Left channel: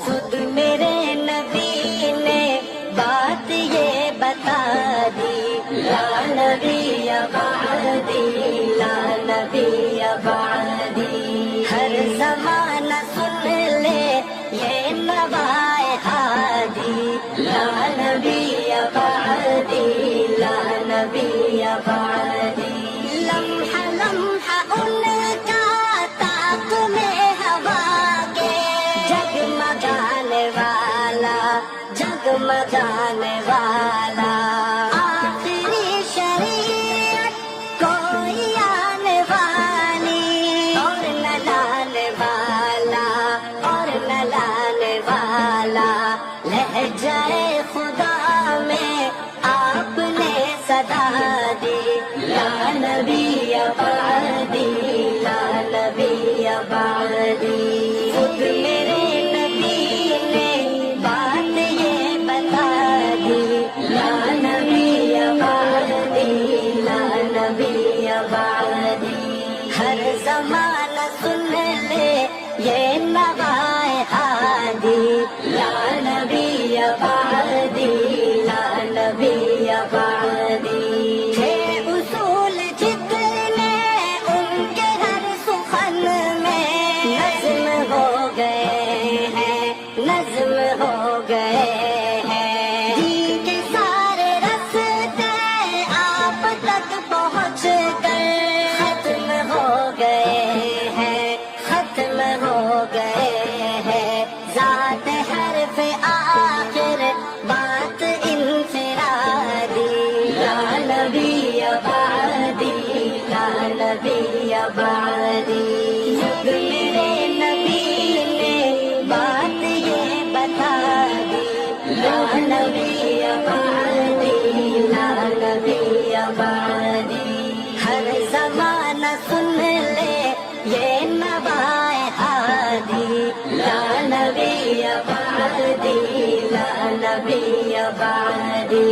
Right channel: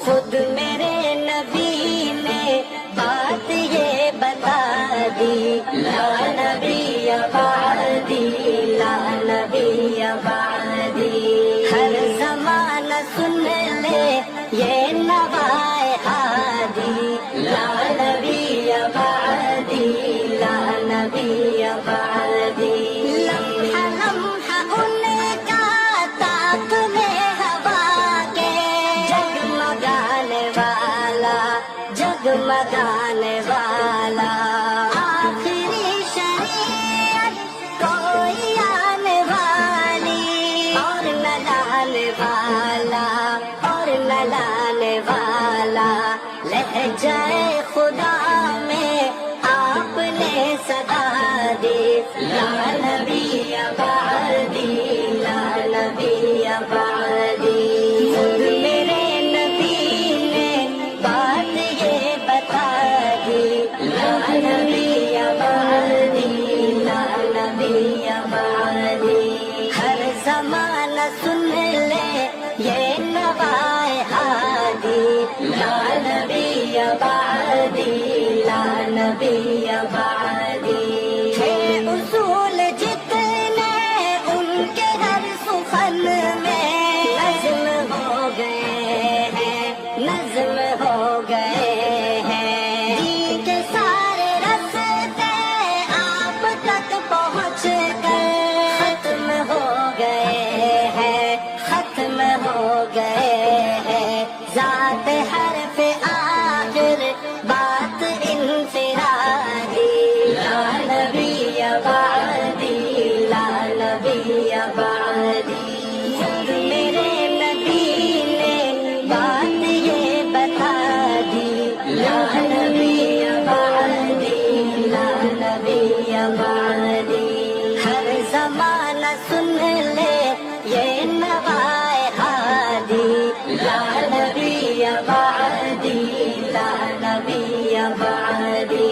خود میرے نبی نے بات یہ بتا دی، لا نبی بعدی، لا نبی بعدی۔ ہر زمانہ سن لے یہ نوائے ہادی، لا نبی بعدی، لا نبی بعدی۔ لمحہ لمحہ ان کا طاقت ہوا کے جگمگانے والا، جگمگانے والا، آخری شریعت کوئی آنے والی، اور نہ لانے والا، اور نہ لانے والا۔ لہجۂ خدا میں آپ نے صدا دی، لا نبی بعدی، لا نبی بعدی۔ خود میرے نبی نے بات یہ بتا دی، لا نبی بعدی، لا نبی بعدی۔ ہر زمانہ سن لے یہ نوائے ہادی، لا نبی بعدی، لا نبی بعدی۔ تھے اصول جتنے ان کے ہر سخن میں نظم ہو گئے ہیں، نظم ہو گئے ہیں۔ دین کے سارے رستے آپ تک پہنچ گئے، ختم ہو گئے ہیں، ختم ہو گئے ہیں۔ ذات حرف آخر بات انفرادی، لا نبی بعدی، لا نبی بعدی۔ خود میرے نبی نے بات یہ بتا دی، لا نبی بعدی، لا نبی بعدی۔ ہر زمانہ سن لے یہ نوائے ہادی، لا نبی بعدی، لا نبی بعدی۔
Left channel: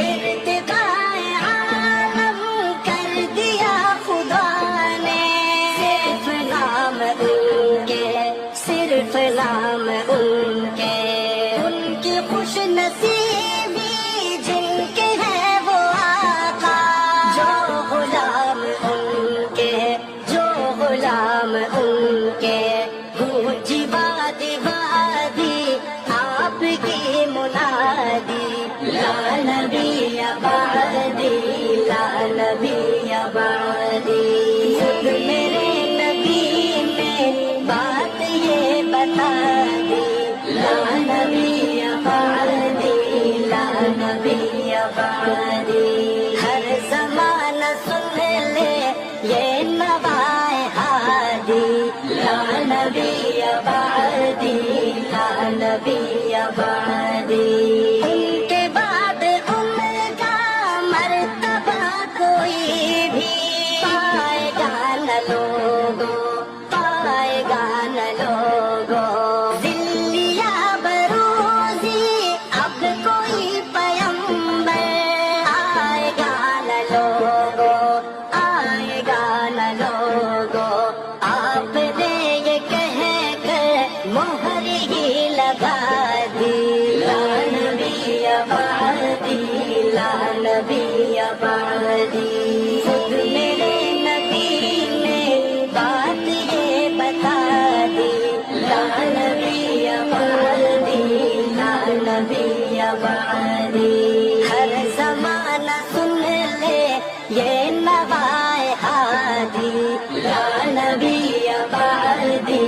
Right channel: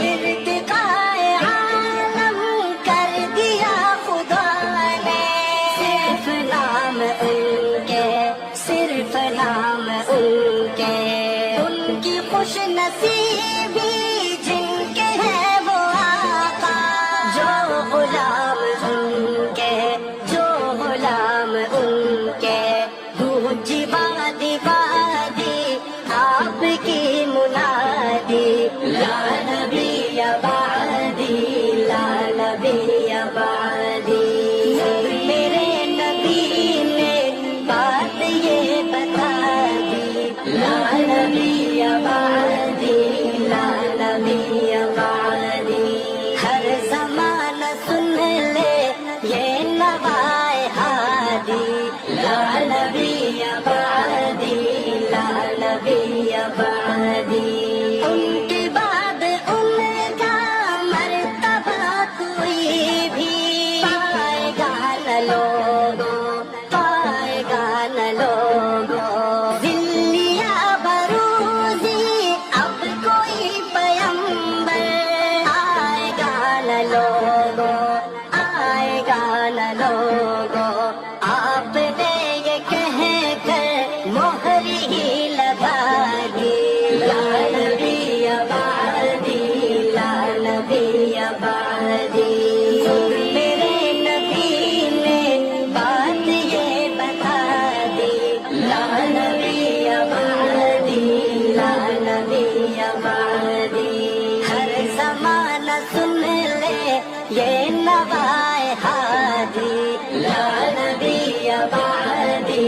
ارتقائے عالم کر دیا خدا نے، صرف نام ان کے، صرف نام ان کے۔ ان کی خوش نصیبی جن کے ہے وہ آقا، جو غلام ان کے، جو غلام ان کے۔ گونجی وادی وادی آپ کی منادی، لا نبی بعدی، لا نبی بعدی۔ میرے نبی نے بات یہ بتا دی، لا نبی بعدی، لا نبی بعدی۔ ہر زمانہ سن لے یہ نوائے ہادی، لا نبی بعدی، لا نبی بعدی۔ ان کے بعد ان کا مرتبہ کوئی بھی پائے گا نہ لوگوں، پائے گا نہ لوگوں۔ ذلیا بروزی اب کوئی پیمبر آئے گا نہ لوگوں، آئے گا نہ لوگوں۔ آپ نے یہ کہہ کر مہر ہی لگا دی، لا نبی بعدی، لا نبی بعدی۔ خود میرے نبی نے بات یہ بتا دی، لا نبی بعدی، لا نبی بعدی۔ ہر زمانہ سن لے یہ نوائے ہادی، لا نبی بعدی،